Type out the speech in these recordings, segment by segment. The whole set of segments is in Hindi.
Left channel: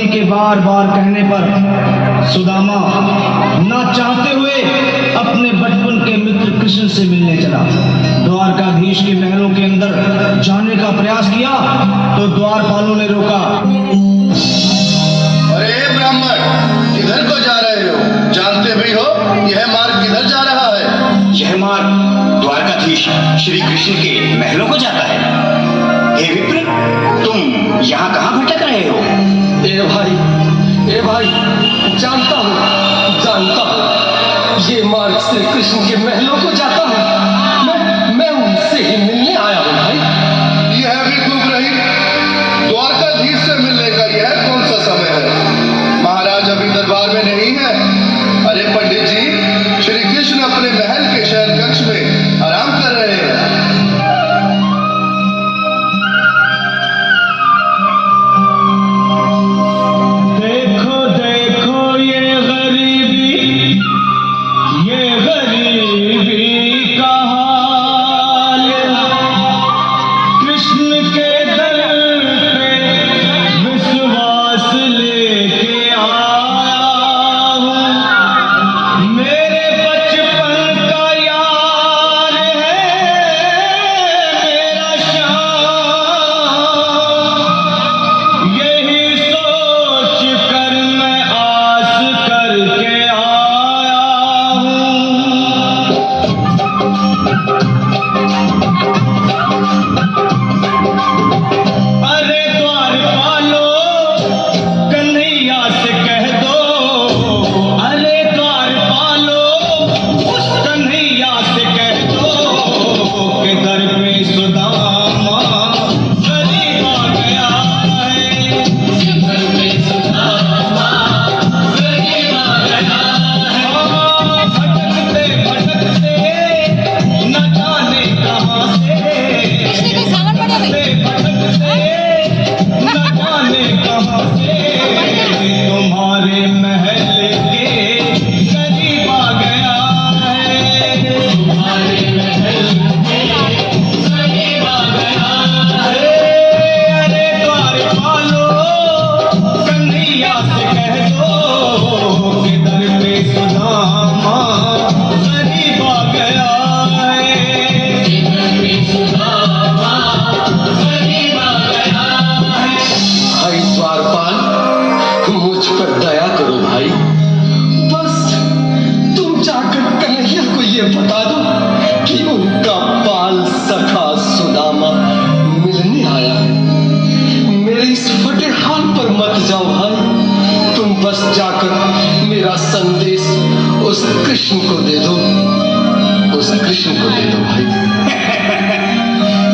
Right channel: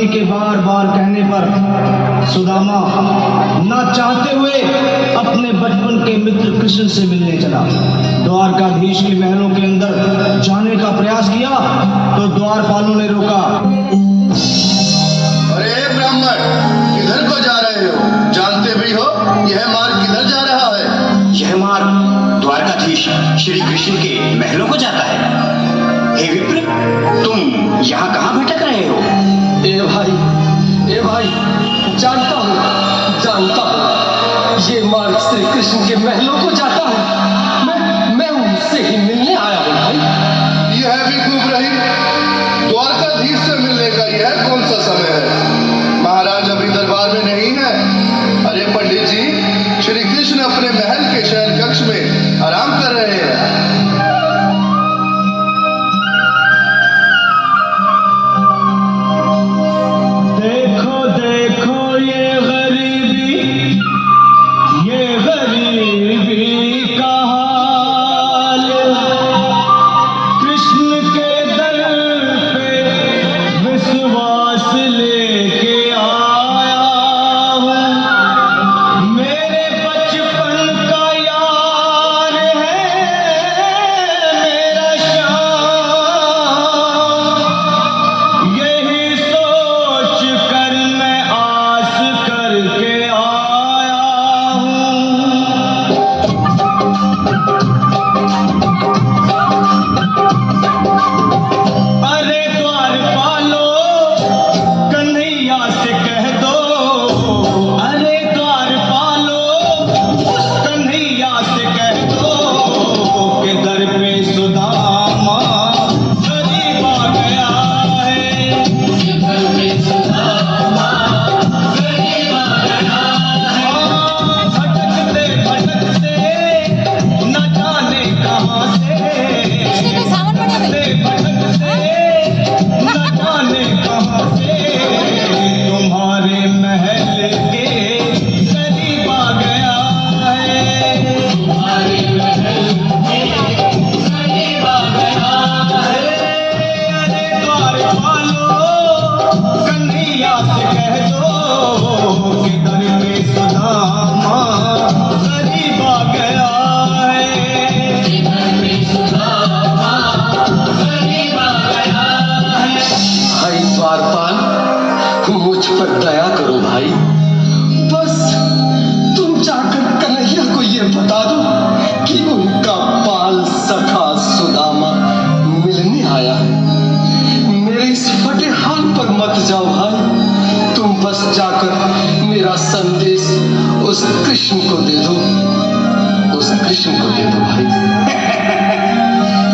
पत्नी के बार बार कहने पर सुदामा ना चाहते हुए अपने बचपन के मित्र कृष्ण से मिलने चला। द्वारकाधीश के महलों के अंदर जाने का प्रयास किया तो द्वारपालों ने रोका। अरे ब्राह्मण, किधर को जा रहे हो? जानते भी हो यह मार्ग किधर जा रहा है? यह मार्ग द्वारकाधीश श्री कृष्ण के महलों को जाता है। हे विप्र, तुम यहाँ कहाँ भटक रहे हो? ए भाई, जानता हूँ, ये मार्ग श्री कृष्ण के महलों को जाता है। मैं उनसे ही मिलने आया हूँ भाई। यह भी खूब रही, द्वारकाधीश से मिलने का यह कौन सा समय है? महाराज अभी दरबार में नहीं है। अरे पंडित जी, श्री कृष्ण अपने महल के शयन कक्ष में आराम कर रहे हैं।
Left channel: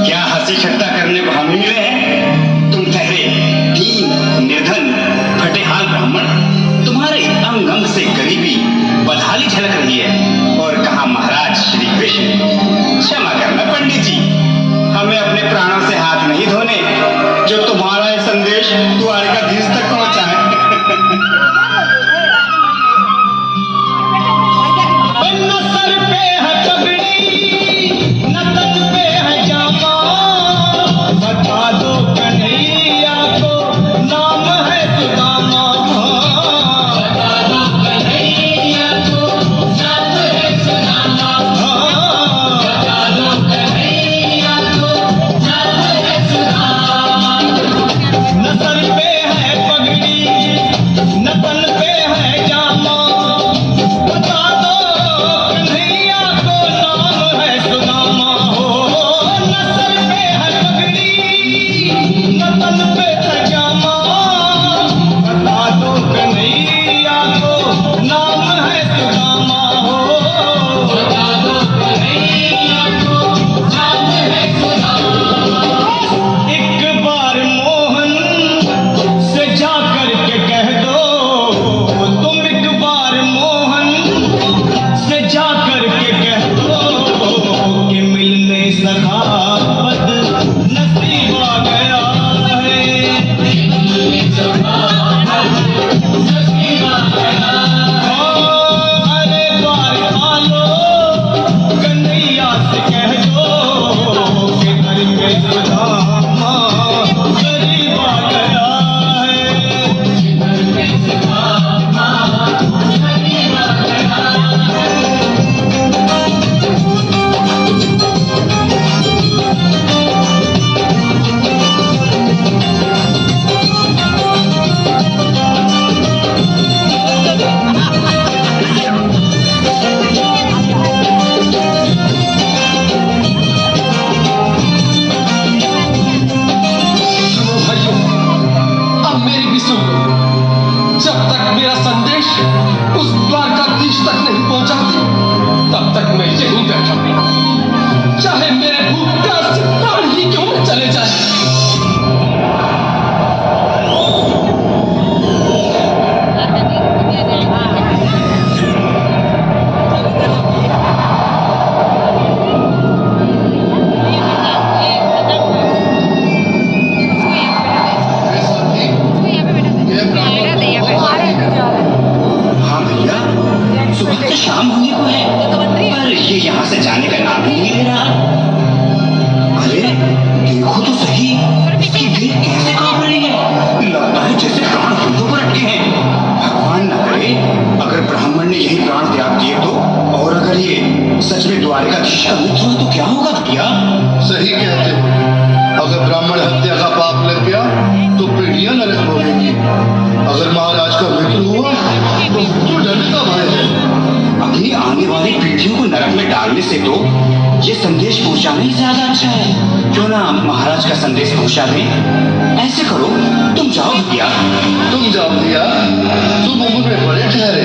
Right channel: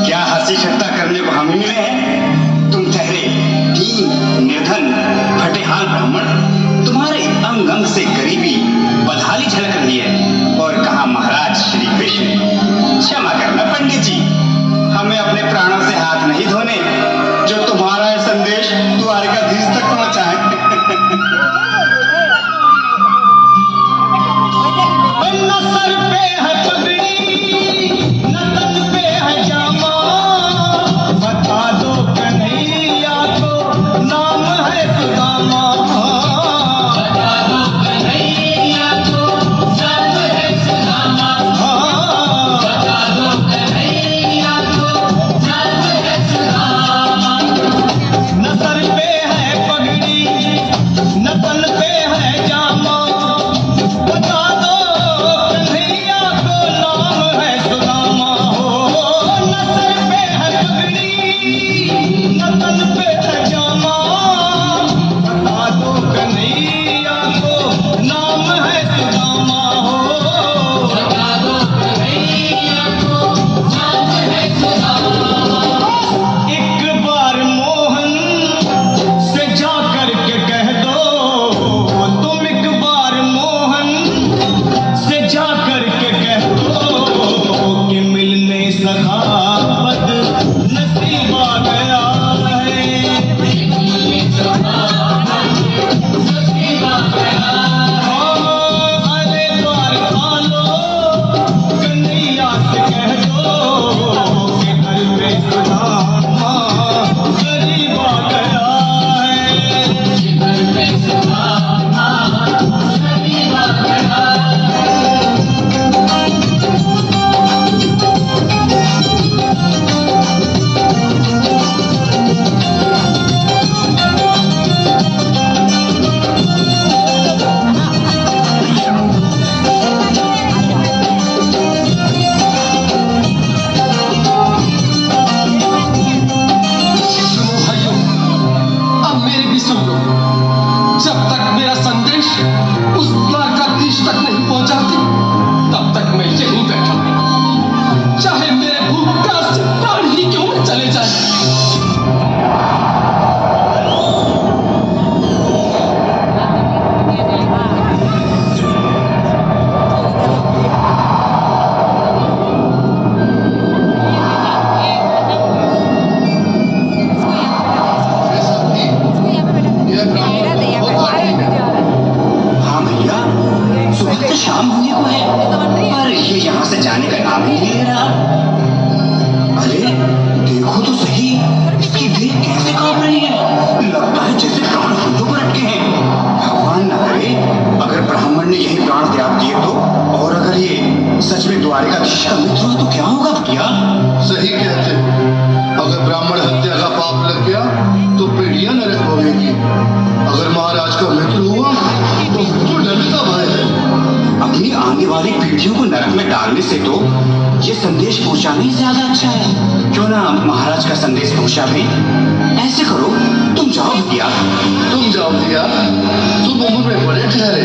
क्या हंसी ठट्टा करने को हम मिले हैं? तुम ठहरे दीन निर्धन फटेहाल ब्राह्मण, तुम्हारे अंग अंग से गरीबी बदहाली झलक रही है। और कहा महाराज श्री कृष्ण? क्षमा करना पंडित जी, हमें अपने प्राणों से हाथ नहीं धोने जो तुम्हारा यह संदेश द्वारकाधीश तक पहुंचाए। नाम है सुदामा, बता दो कन्हैया सुन लो, जब तक मेरा संदेश उस द्वारकाधीश तक नहीं पहुंचाती, तब तक मैं यहीं बैठा हूं, चाहे मेरे भूख प्यास से प्राण ही क्यों न चले जाए। ये साथी, ये ब्राह्मण बहुत साथी है। हाँ भैया, सुबह तो शाम होने को है, पर ये यहाँ से जाने का नाम ही नहीं ले रहा। अरे देखो तो सही, इसकी देह कैसे कांप रही है, लगता है जैसे प्राण फंदों पर अटके हैं। भगवान न करे अगर ब्राह्मण ने यही प्राण त्याग दिए तो, और अगर ये सच में द्वारकाधीश का मित्र हुआ तो क्या होगा भैया? सही कहते हो, अगर ब्राह्मण हत्या का पाप लग गया तो पीढ़ियां नरक भोगेगी। अगर महाराज का मित्र हुआ तो मृत्यु दंड का भय है। अपनी आने वाली पीढ़ियों को नरक में डालने से तो ये संदेश पहुंचाना ही ज्यादा अच्छा है। क्यों ना महाराज का संदेश पहुंचा दें? ऐसे करो, तुम जाओ भैया। तुम जाओ भैया, तुम उम्र में बड़े ठहरे,